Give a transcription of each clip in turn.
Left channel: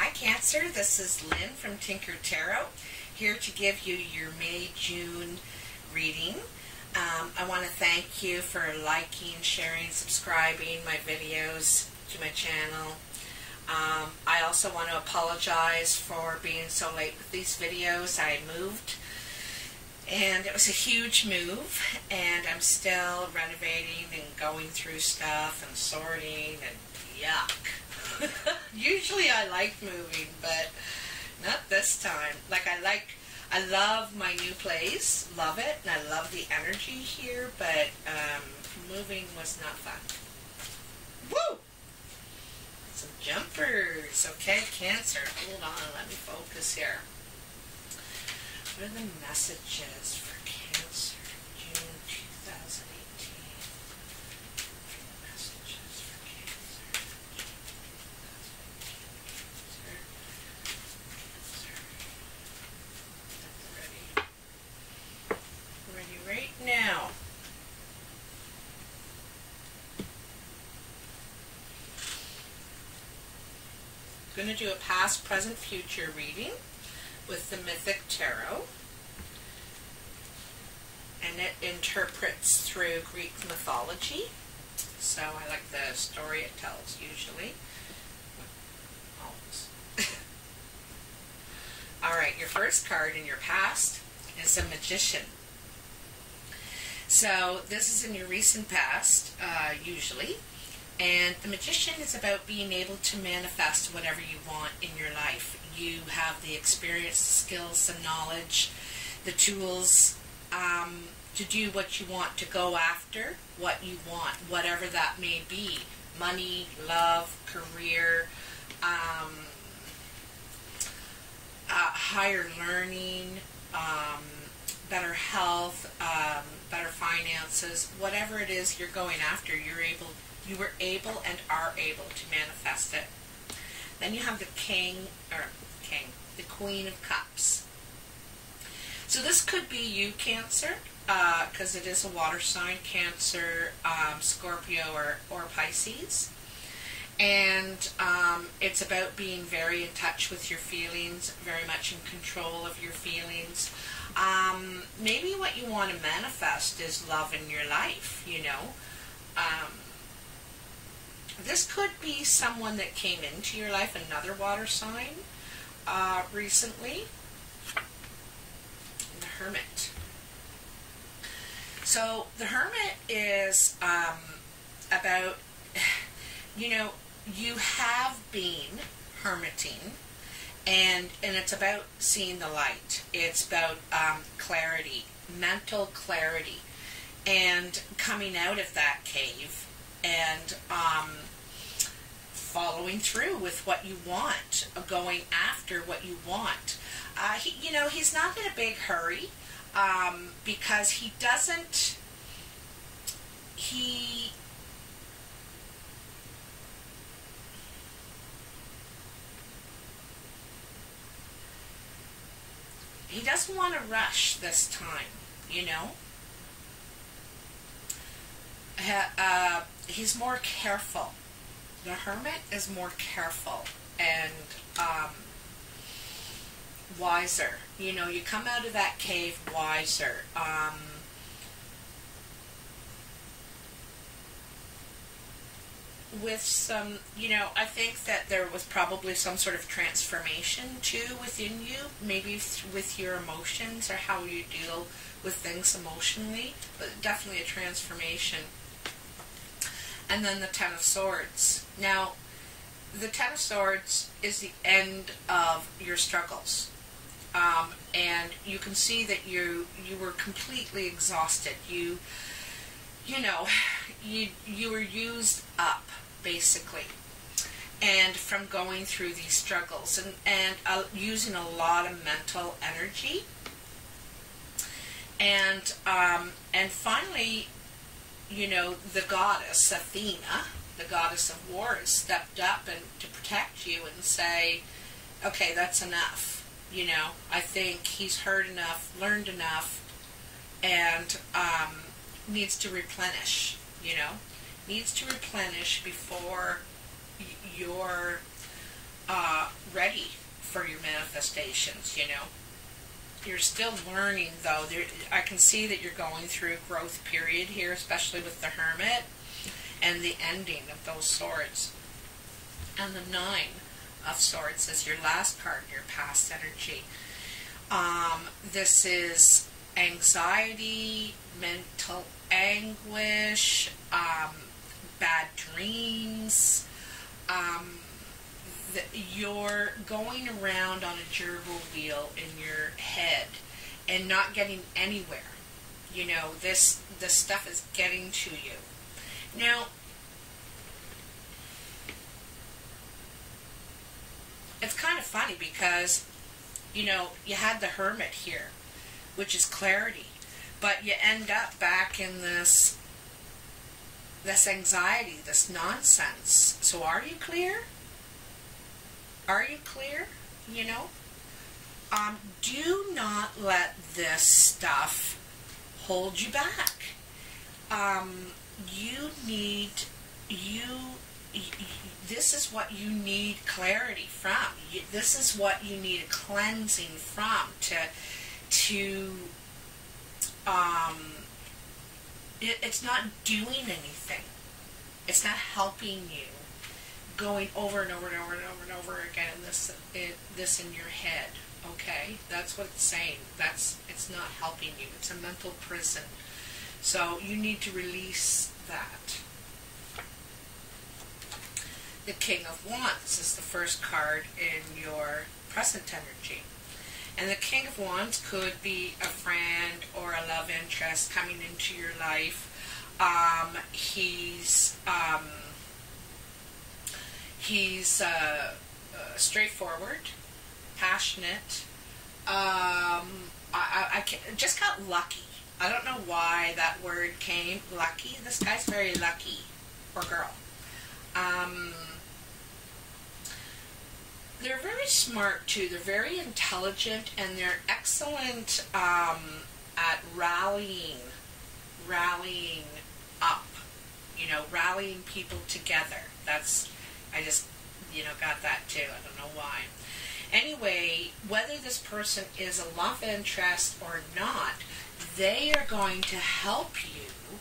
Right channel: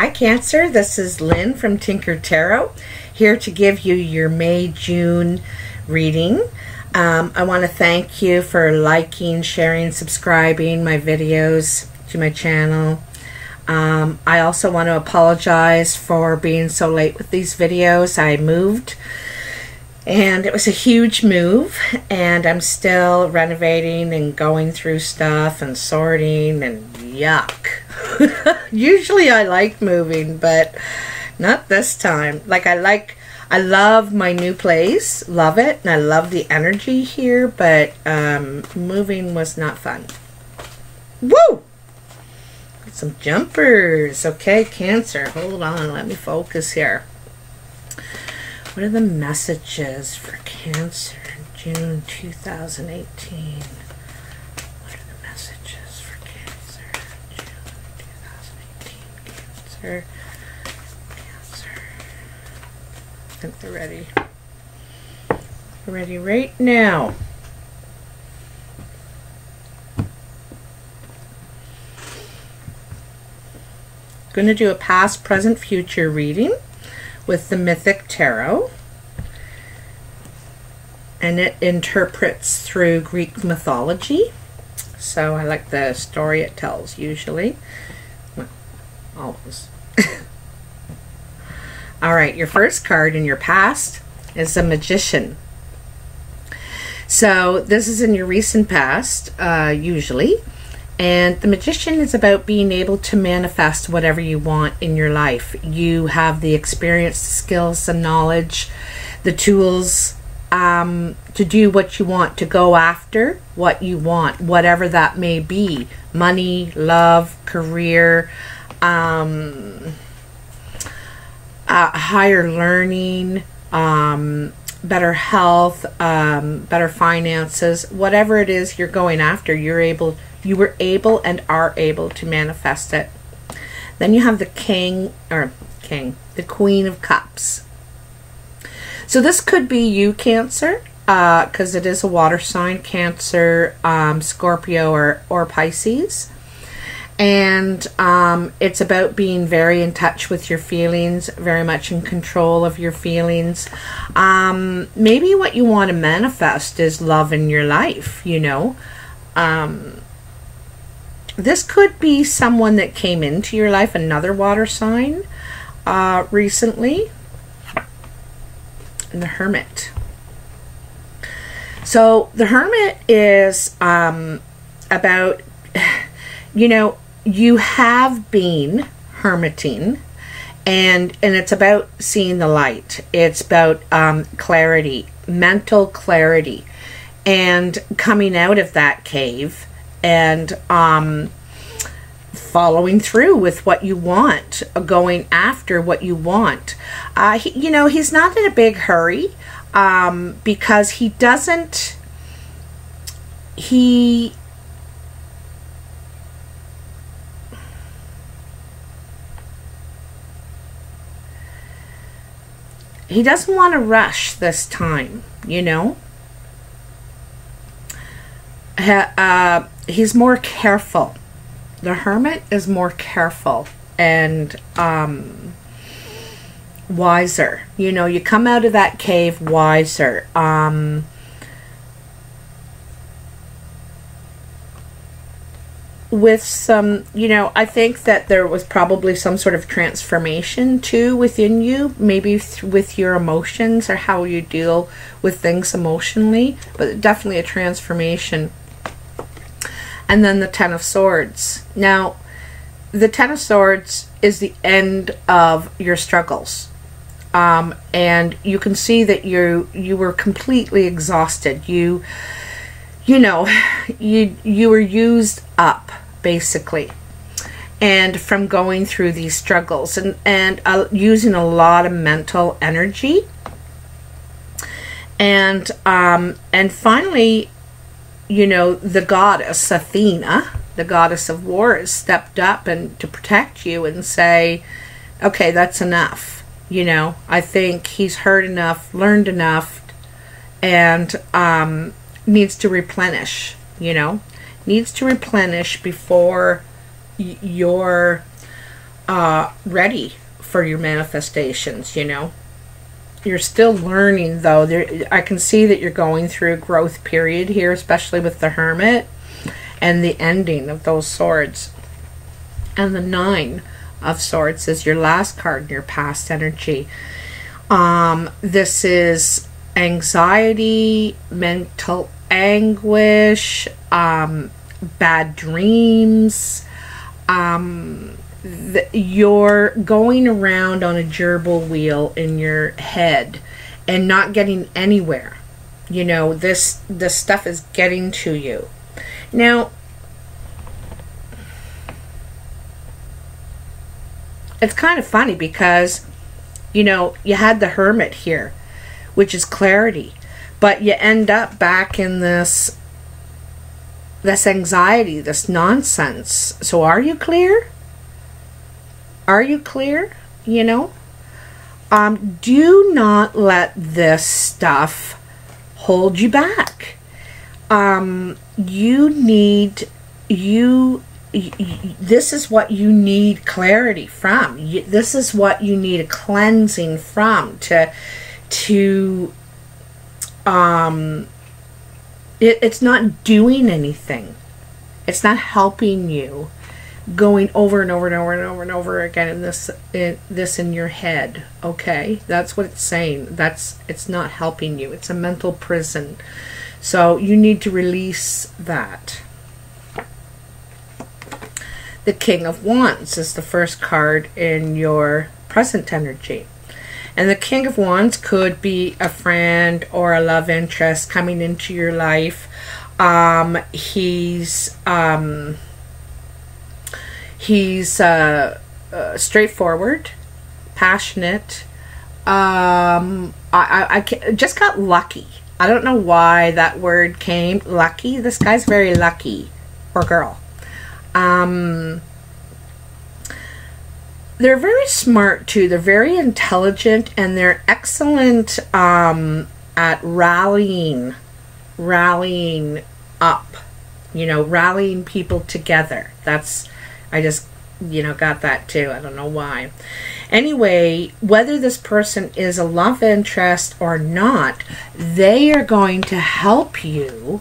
Hi Cancer, this is Lynn from Tinker Tarot, here to give you your May-June reading. I want to thank you for liking, sharing, subscribing my videos to my channel. I also want to apologize for being so late with these videos. I moved and it was a huge move, and I'm still renovating and going through stuff and sorting, and yuck. Usually I like moving, but not this time. I love my new place, love it, and I love the energy here, but moving was not fun. Woo! Got some jumpers. Okay, Cancer, hold on, let me focus here. What are the messages for Cancer in June 2018? What are the messages for Cancer in June 2018? Cancer. I think they're ready. They're ready right now. I'm going to do a past, present, future reading with the Mythic Tarot, and it interprets through Greek mythology, so I like the story it tells usually. Well, always. Alright, your first card in your past is the Magician. So this is in your recent past, usually. And the Magician is about being able to manifest whatever you want in your life. You have the experience, the skills, the knowledge, the tools to do what you want, to go after what you want, whatever that may be. Money, love, career, higher learning, better health, better finances, whatever it is you're going after, you were able and are able to manifest it. Then you have the the Queen of Cups. So this could be you, Cancer, because it is a water sign, Cancer, Scorpio, or Pisces. And it's about being very in touch with your feelings, very much in control of your feelings. Maybe what you want to manifest is love in your life, you know. This could be someone that came into your life, another water sign, recently. And the Hermit. So the Hermit is about, you know, you have been hermiting, and it's about seeing the light. It's about clarity, mental clarity, and coming out of that cave and following through with what you want, going after what you want. You know, he's not in a big hurry because he doesn't want to rush this time, you know. He's more careful. The Hermit is more careful and wiser. You know, you come out of that cave wiser. With some, you know, I think that there was probably some sort of transformation too within you, maybe with your emotions or how you deal with things emotionally, but definitely a transformation. And then the Ten of Swords. Now, the Ten of Swords is the end of your struggles. And you can see that you were completely exhausted. You know, you were used up, basically, and from going through these struggles and using a lot of mental energy. And finally, you know, the goddess Athena, the goddess of war, has stepped up and to protect you and say, okay, that's enough. You know, I think he's heard enough, learned enough, and needs to replenish, you know, needs to replenish before your ready for your manifestations, you know. You're still learning, though. I can see that you're going through a growth period here, especially with the Hermit and the ending of those swords. And the Nine of Swords is your last card in your past energy. This is anxiety, mental anguish, bad dreams. You're going around on a gerbil wheel in your head and not getting anywhere. You know, this stuff is getting to you. Now, it's kind of funny because, you know, you had the Hermit here, which is clarity, but you end up back in this anxiety, this nonsense. So are you clear? Are you clear? You know? Do not let this stuff hold you back. This is what you need clarity from. This is what you need a cleansing from it's not doing anything. It's not helping you. Going over and over and over and over and over again in this in your head. Okay, that's what it's saying. It's not helping you. It's a mental prison. So you need to release that. The King of Wands is the first card in your present energy. And the King of Wands could be a friend or a love interest coming into your life. He's straightforward, passionate. I just got lucky. I don't know why that word came. Lucky. This guy's very lucky, or girl. They're very smart too. They're very intelligent, and they're excellent at rallying up. You know, rallying people together. I just, you know, got that too. I don't know why. Anyway, whether this person is a love interest or not, they are going to help you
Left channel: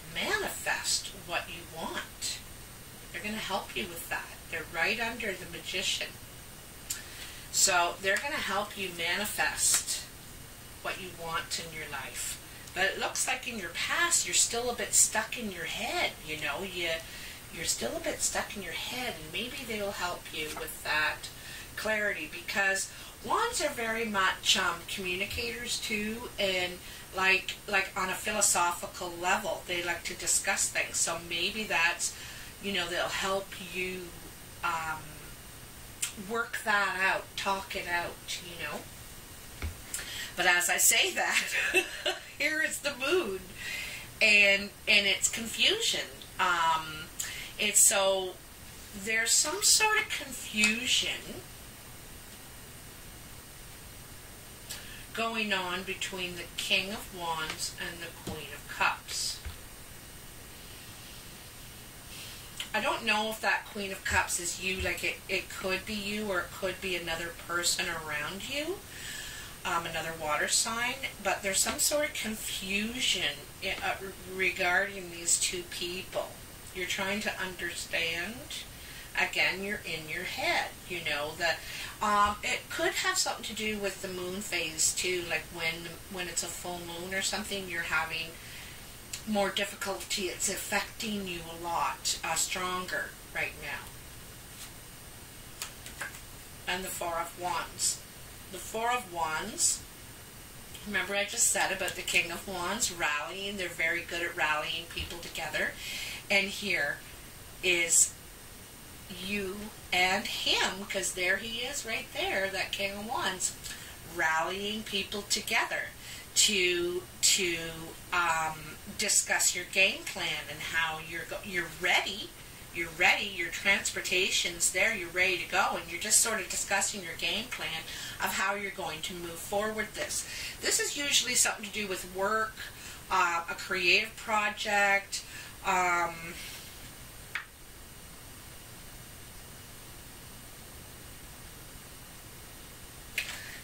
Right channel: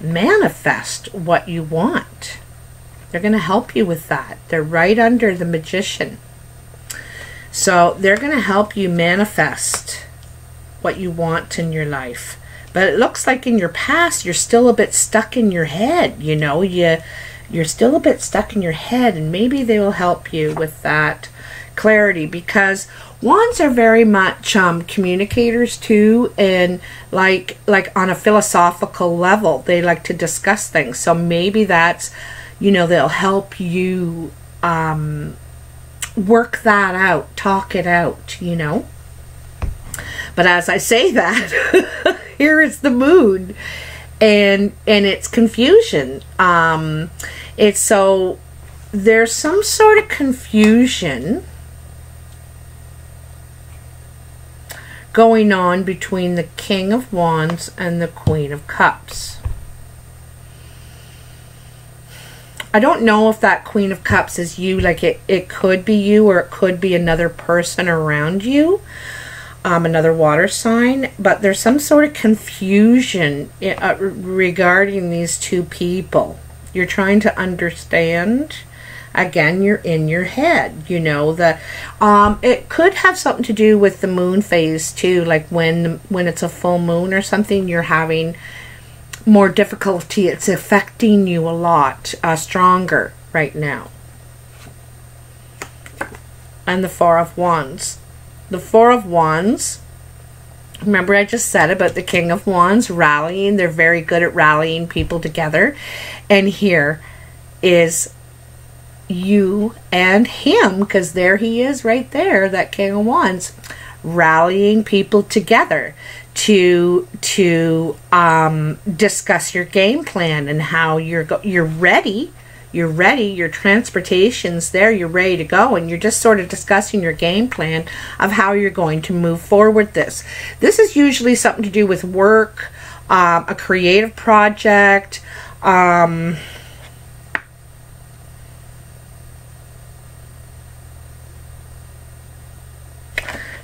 manifest what you want. They're going to help you with that. They're right under the Magician. So they're going to help you manifest what you want in your life. But it looks like in your past, you're still a bit stuck in your head, you know. You're still a bit stuck in your head, and maybe they will help you with that clarity, because wands are very much communicators too, and like on a philosophical level, they like to discuss things. So maybe that's, you know, they'll help you work that out, talk it out, you know. But as I say that, here is the Moon, and it's confusion. It's so there's some sort of confusion going on between the King of Wands and the Queen of Cups. I don't know if that Queen of Cups is you, like it could be you, or it could be another person around you, another water sign, but there's some sort of confusion regarding these two people. You're trying to understand. Again, you're in your head, you know. It could have something to do with the moon phase too, like when it's a full moon or something, you're having more difficulty. It's affecting you a lot stronger right now. And the Four of Wands. The Four of Wands, remember I just said about the King of Wands rallying. They're very good at rallying people together. And here is you and him, because there he is right there, that King of Wands, rallying people together to discuss your game plan and how you're ready. You're ready, your transportation's there, you're ready to go, and you're just sort of discussing your game plan of how you're going to move forward this. This is usually something to do with work, a creative project,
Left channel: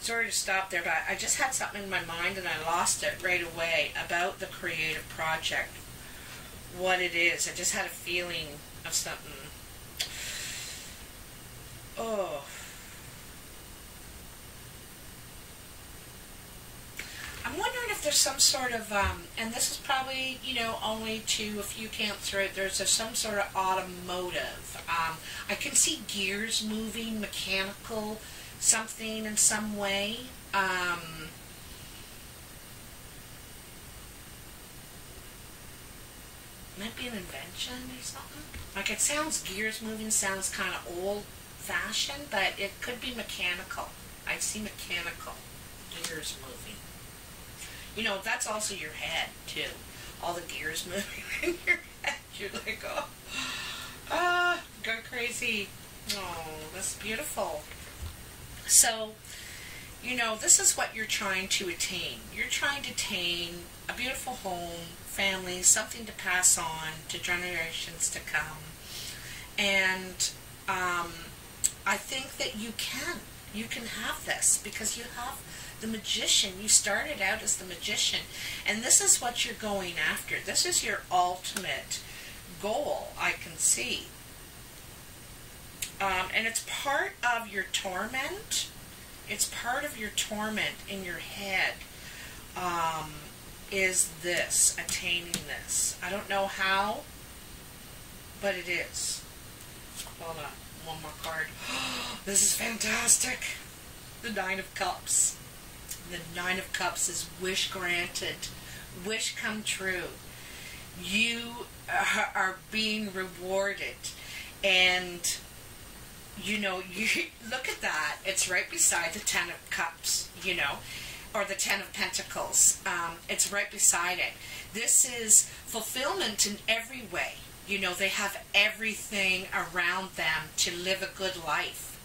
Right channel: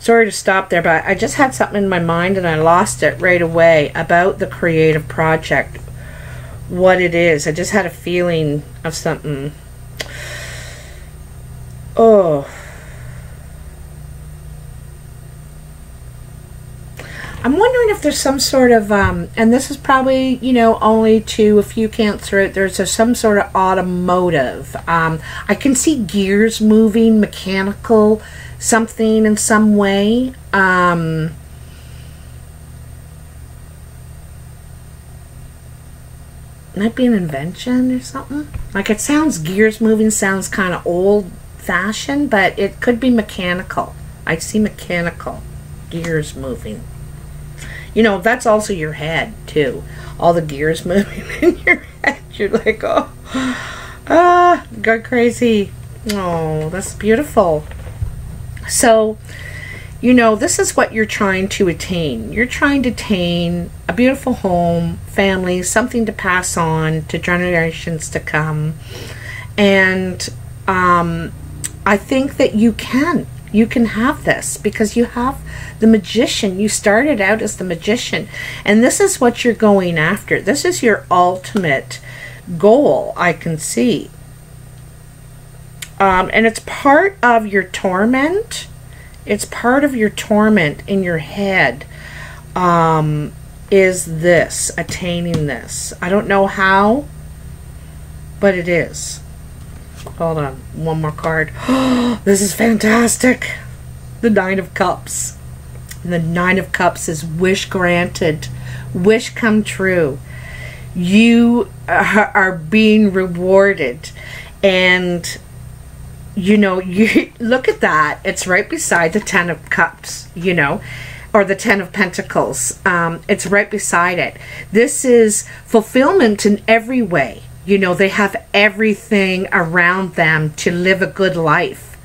sorry to stop there, but I just had something in my mind and I lost it right away about the creative project. What it is. I just had a feeling of something. Oh. I'm wondering if there's some sort of, and this is probably, you know, only to if you can't through it, there's some sort of automotive. I can see gears moving, mechanical, something in some way. Might be an invention or something. Like, it sounds, gears moving sounds kind of old-fashioned, but it could be mechanical. I see mechanical, gears moving. You know, that's also your head, too. All the gears moving in your head. You're like, oh, go crazy. Oh, that's beautiful. So, you know, this is what you're trying to attain. You're trying to attain a beautiful home, family, something to pass on to generations to come. And I think that you can. You can have this because you have the magician. You started out as the magician. And this is what you're going after. This is your ultimate goal, I can see. And it's part of your torment. It's part of your torment in your head. Is this, attaining this. I don't know how, but it is. Hold on, one more card. This is fantastic. The Nine of Cups. The Nine of Cups is wish granted. Wish come true. You are being rewarded. And, you know, you look at that. It's right beside the Ten of Cups, you know, or the Ten of Pentacles. It's right beside it. This is fulfillment in every way. You know, they have everything around them to live a good life.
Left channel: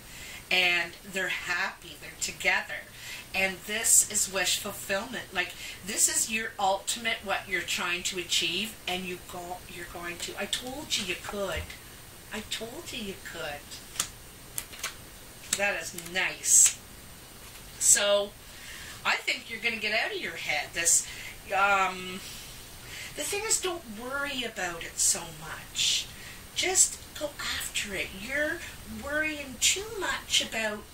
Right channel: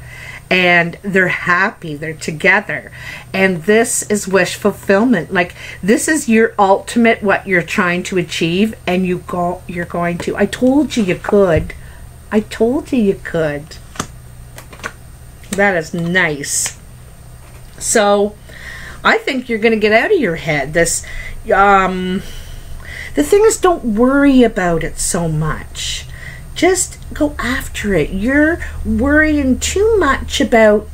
And they're happy. They're together. And this is wish fulfillment. Like, this is your ultimate, what you're trying to achieve. And you're going to. I told you you could. I told you you could. That is nice. So, I think you're going to get out of your head. This, the thing is, don't worry about it so much. Just go after it. You're worrying too much about,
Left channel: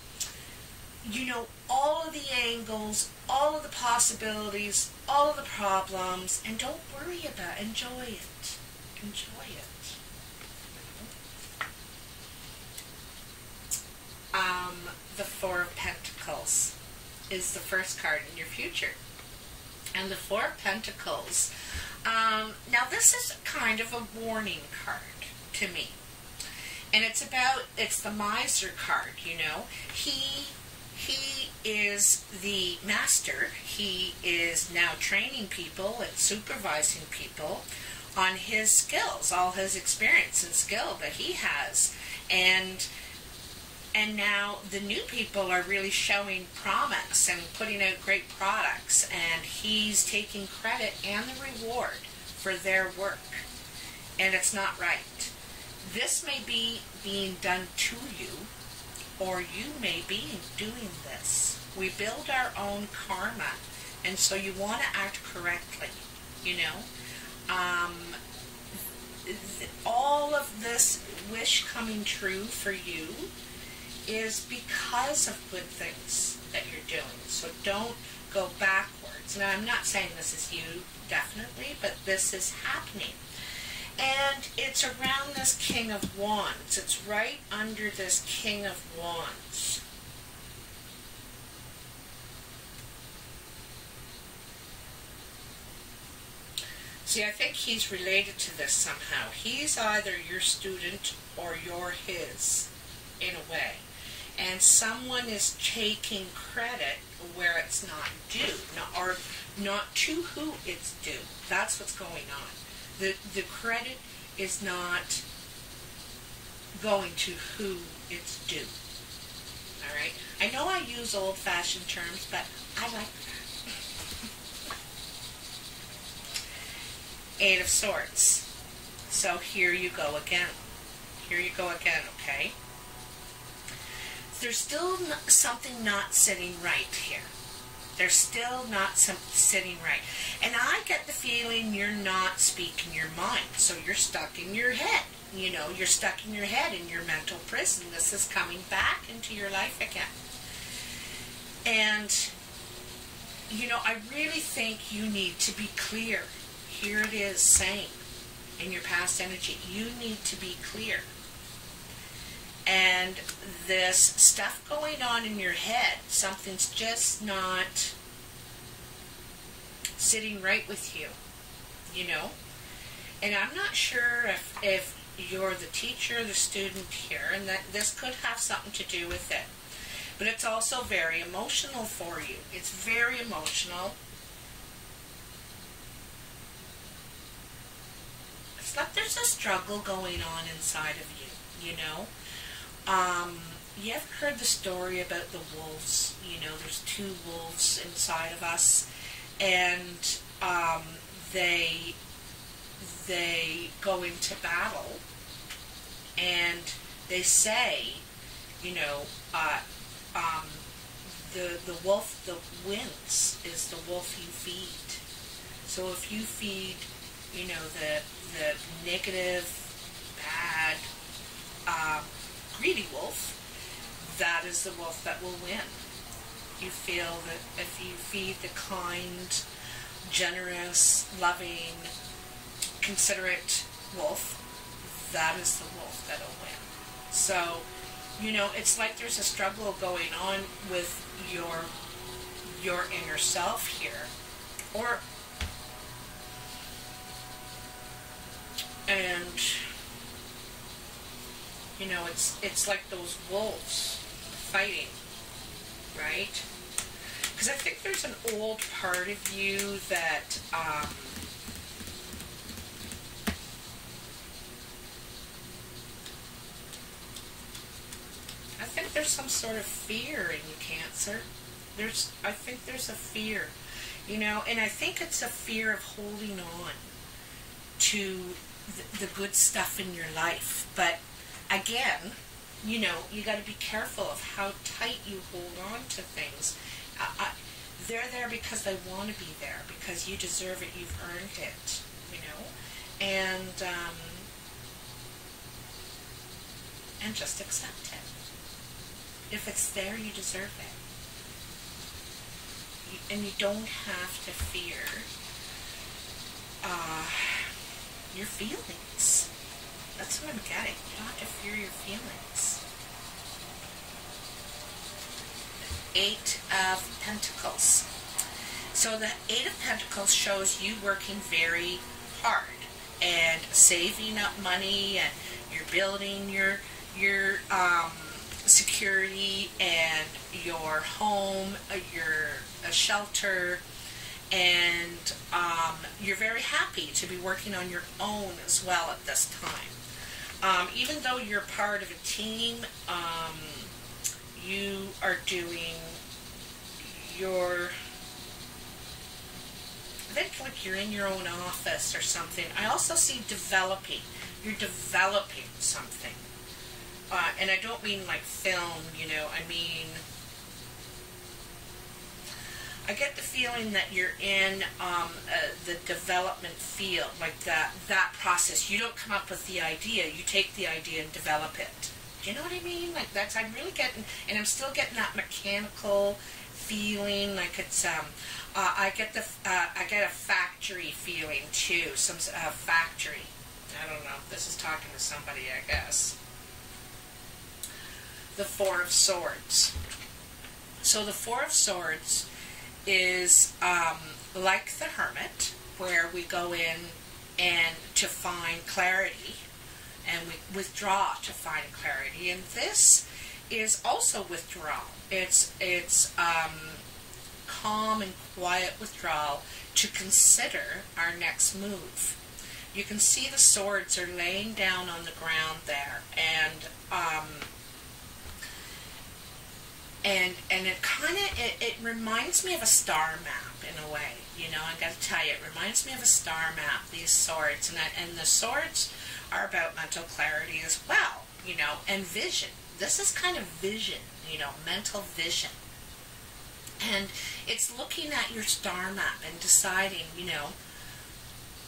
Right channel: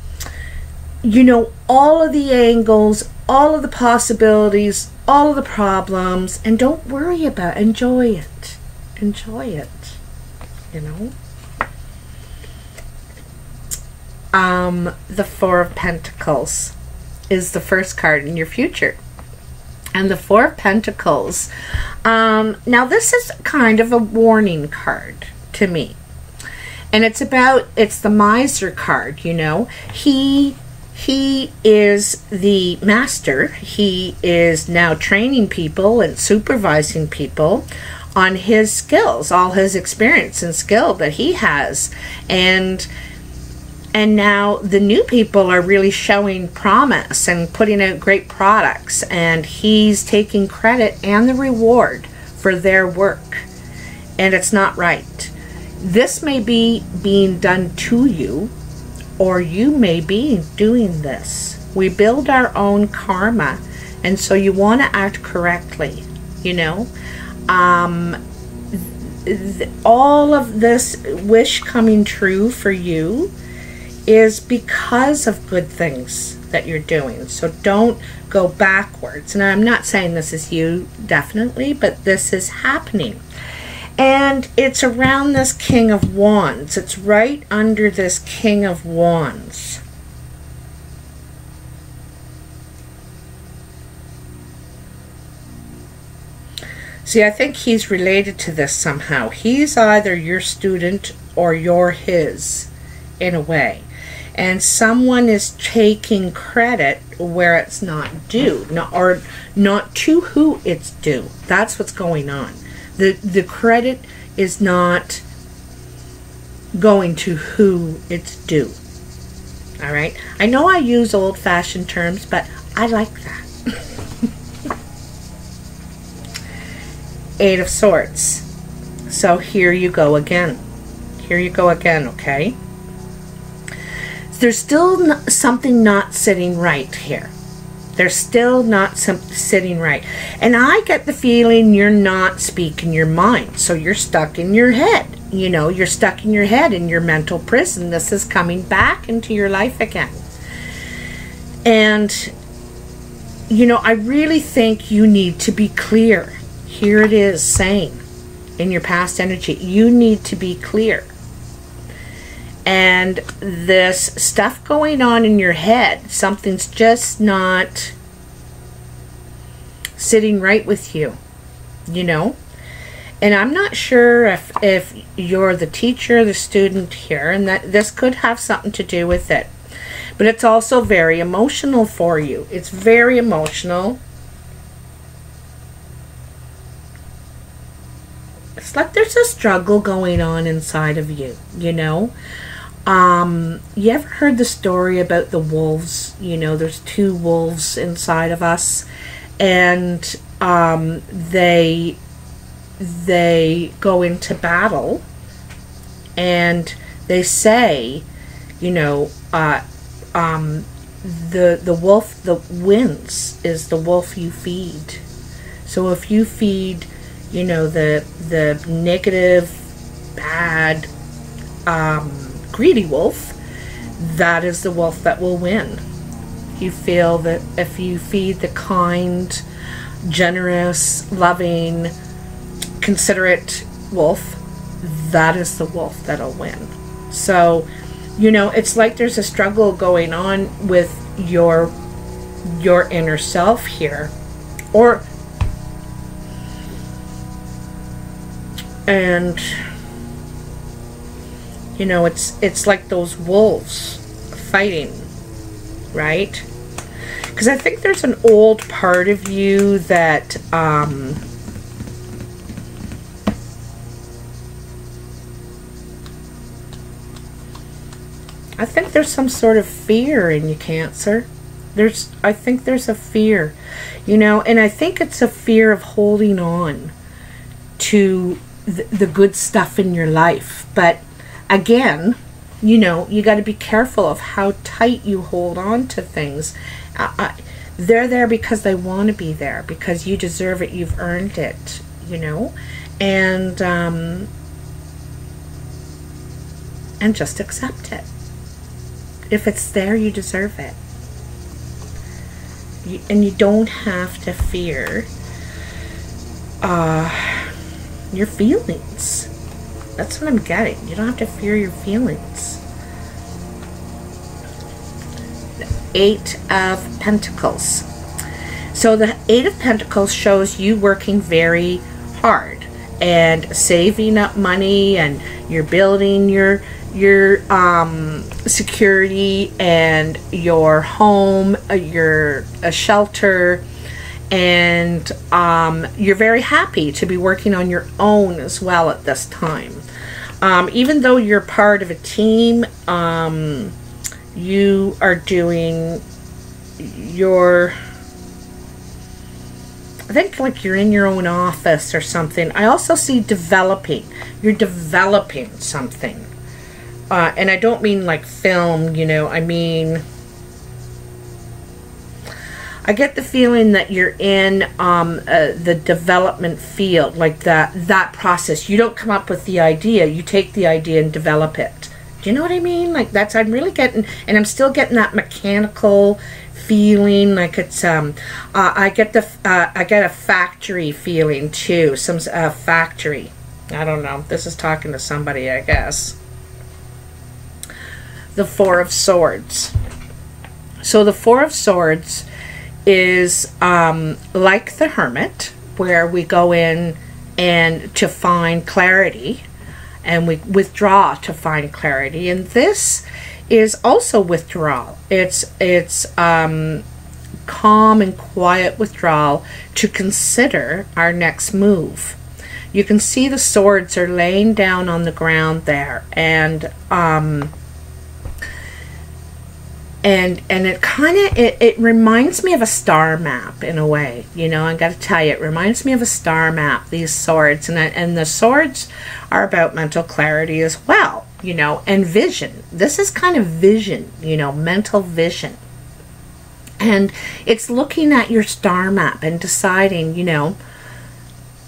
you know, all of the angles, all of the possibilities, all of the problems, and don't worry about it. Enjoy it. Enjoy it. You know? The Four of Pentacles is the first card in your future. And the Four of Pentacles, now this is kind of a warning card to me. And it's the miser card, you know. He is the master. He is now training people and supervising people on his skills, all his experience and skill that he has. And now the new people are really showing promise and putting out great products, and he's taking credit and the reward for their work. And it's not right. This may be being done to you, or you may be doing this. We build our own karma, and so you want to act correctly, you know. All of this wish coming true for you is because of good things that you're doing. So don't go backwards. And I'm not saying this is you, definitely, but this is happening. And it's around this King of Wands. It's right under this King of Wands. See, I think he's related to this somehow. He's either your student or you're his, in a way. And someone is taking credit where it's not due, or not to who it's due. That's what's going on. The credit is not going to who it's due. All right? I know I use old-fashioned terms, but I like that. Eight of Swords. So here you go again. Here you go again, okay? there's still something not sitting right here. They're still not sitting right. And I get the feeling you're not speaking your mind. So you're stuck in your head. You know, you're stuck in your head in your mental prison. This is coming back into your life again. And, you know, I really think you need to be clear. Here it is saying in your past energy, you need to be clear. And this stuff going on in your head, something's just not sitting right with you, you know. And I'm not sure if you're the teacher or the student here, and that this could have something to do with it. But it's also very emotional for you. It's very emotional. It's like there's a struggle going on inside of you, you know. You ever heard the story about the wolves? You know, there's two wolves inside of us, and they go into battle, and they say, you know, the wolf that wins is the wolf you feed. So if you feed, you know, the negative, bad, greedy wolf, that is the wolf that will win. You feel that if you feed the kind, generous, loving, considerate wolf, that is the wolf that'll win. So, you know, it's like there's a struggle going on with your inner self here, and you know, it's like those wolves fighting, right? Because I think there's an old part of you that I think there's some sort of fear in you, Cancer. I think there's a fear, you know, and I think it's a fear of holding on to the good stuff in your life. But again, you know, you got to be careful of how tight you hold on to things. They're there because they want to be there, because you deserve it, you've earned it, you know, and just accept it. If it's there, you deserve it. And you don't have to fear your feelings. That's what I'm getting. You don't have to fear your feelings. The Eight of Pentacles. So the Eight of Pentacles shows you working very hard and saving up money, and you're building your security and your home, your shelter, and you're very happy to be working on your own as well at this time. Even though you're part of a team, you are doing I think like you're in your own office or something. I also see developing. You're developing something. And I don't mean like film, you know, I mean, I get the feeling that you're in the development field, like that process. You don't come up with the idea, you take the idea and develop it. Do you know what I mean? Like I'm really getting, and I'm still getting that mechanical feeling, like it's, I get a factory feeling too, some factory. I don't know, this is talking to somebody, I guess. The Four of Swords. So the Four of Swords is like the Hermit, where we go in and to find clarity, and we withdraw to find clarity. And this is also withdrawal. It's calm and quiet withdrawal to consider our next move. You can see the swords are laying down on the ground there, and it kind of, it reminds me of a star map in a way, you know. I got to tell you, it reminds me of a star map, these swords, and the swords are about mental clarity as well. you know, and vision. This is kind of vision, you know, mental vision. And it's looking at your star map and deciding, you know,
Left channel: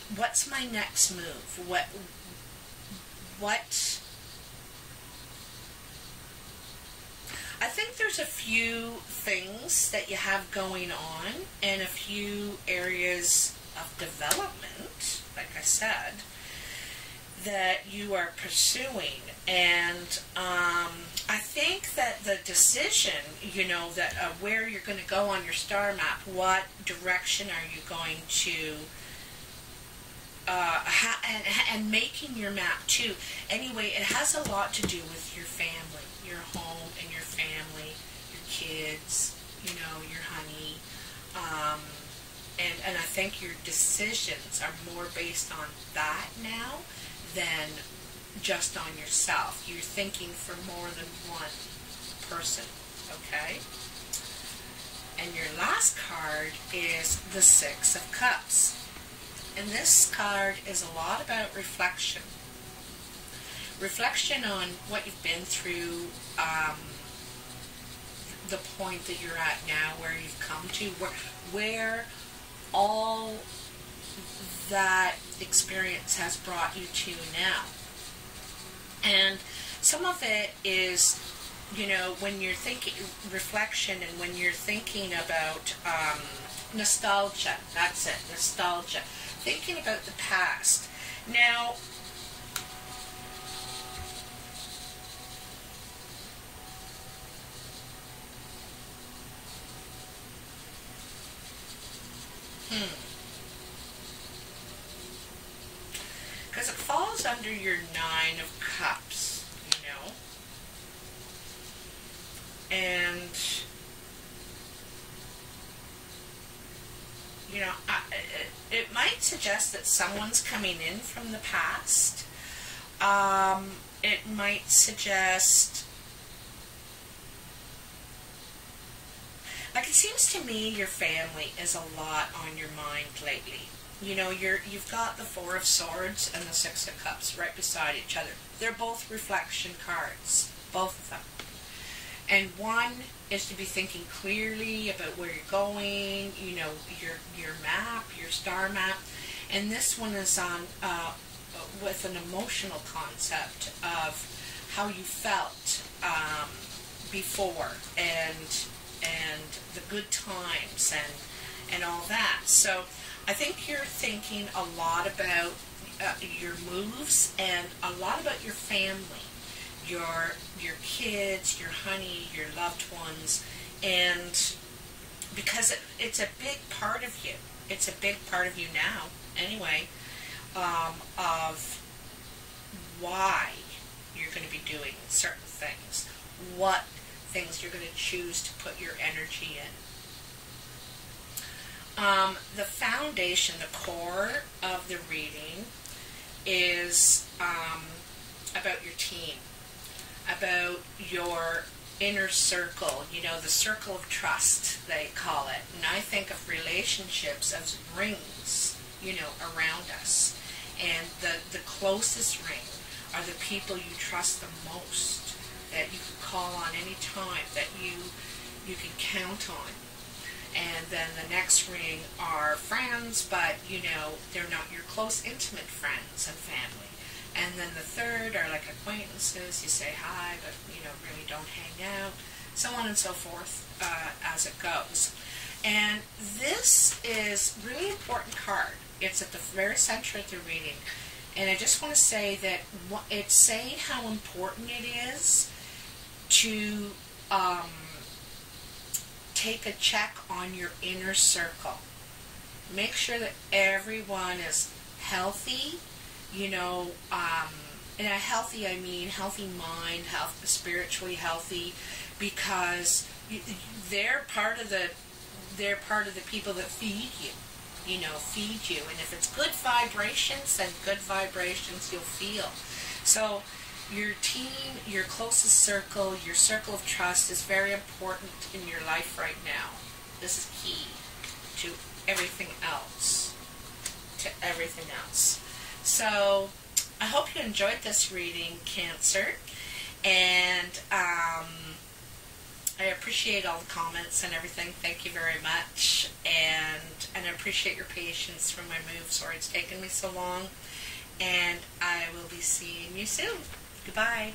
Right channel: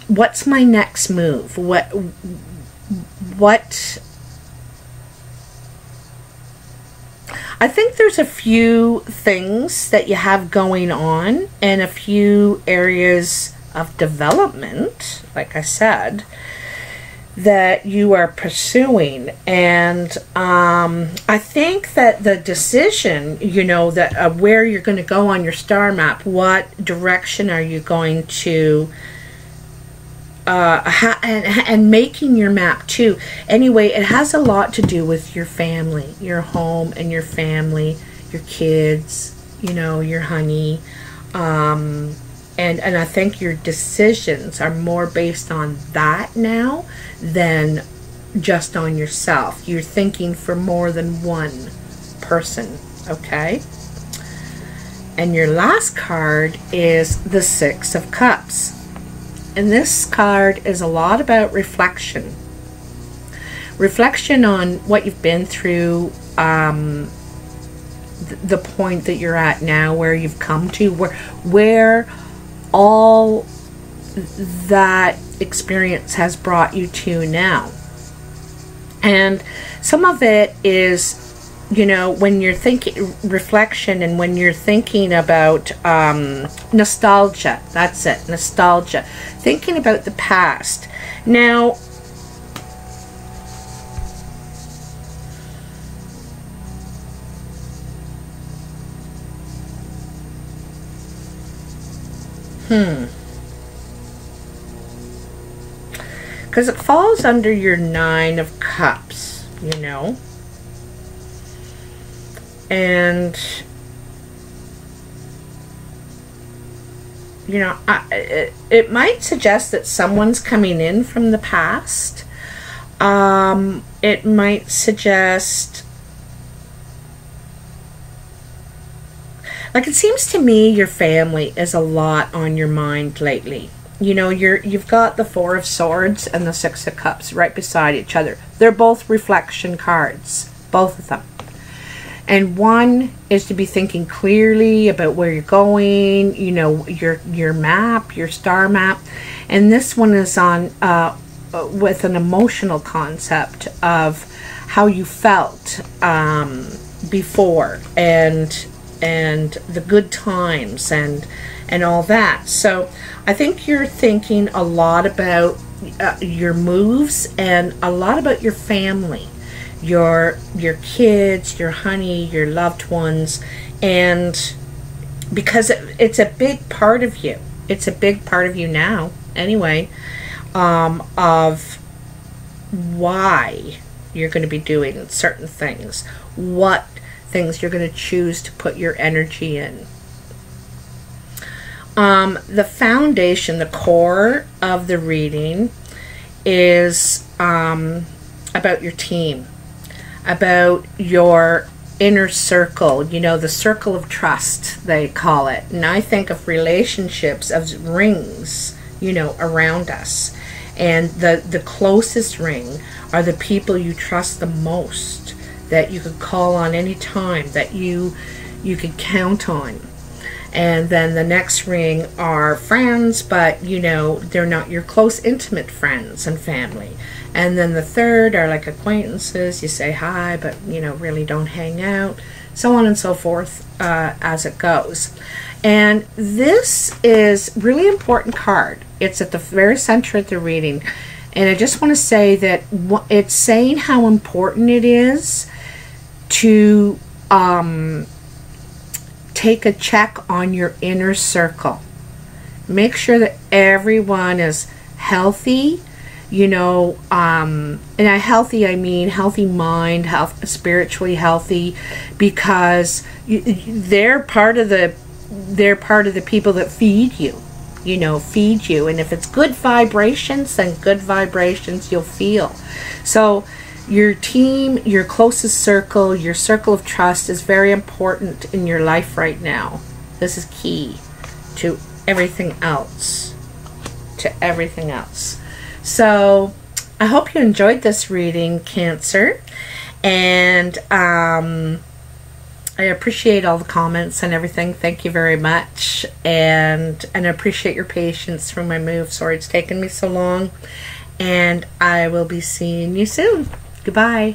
what's my next move? What I think there's a few things that you have going on and a few areas of development, like I said, that you are pursuing. And I think that the decision, you know, that where you're going to go on your star map, what direction are you going to and making your map too. Anyway, it has a lot to do with your family, your home and your family, your kids, you know, your honey. And I think your decisions are more based on that now than just on yourself. You're thinking for more than one person, okay? And your last card is the Six of Cups. And this card is a lot about reflection. Reflection on what you've been through, the point that you're at now, where you've come to, where all that experience has brought you to now. And some of it is, you know, when you're thinking reflection and when you're thinking about nostalgia. That's it, nostalgia. Thinking about the past. Now, because it falls under your Nine of Cups, you know. And, you know, it might suggest that someone's coming in from the past. It might suggest, like, it seems to me your family is a lot on your mind lately. You know, you've got the Four of Swords and the Six of Cups right beside each other. They're both reflection cards, both of them. And one is to be thinking clearly about where you're going, you know, your map, your star map. And this one is on with an emotional concept of how you felt before, and the good times and all that. So I think you're thinking a lot about your moves and a lot about your family. Your kids, your honey, your loved ones, and because it's a big part of you. It's a big part of you now, anyway, of why you're going to be doing certain things, what things you're going to choose to put your energy in. The foundation, the core of the reading is about your team. About your inner circle, you know, the circle of trust, they call it. And I think of relationships as rings, you know, around us. And the closest ring are the people you trust the most, that you could call on any time, that you could count on. And then the next ring are friends, but, you know, they're not your close, intimate friends and family. And then the third are like acquaintances. You say hi, but, you know, really don't hang out. So on and so forth as it goes. And this is really important card. It's at the very center of the reading. And I just want to say that it's saying how important it is to take a check on your inner circle. Make sure that everyone is healthy. You know, and by healthy I mean healthy mind, spiritually healthy, because they're part of the people that feed you. You know, feed you, and if it's good vibrations, then good vibrations you'll feel. So your team, your closest circle, your circle of trust is very important in your life right now. This is key to everything else. So I hope you enjoyed this reading, Cancer. And I appreciate all the comments and everything. Thank you very much. And I appreciate your patience through my move. Sorry it's taken me so long. And I will be seeing you soon. Goodbye.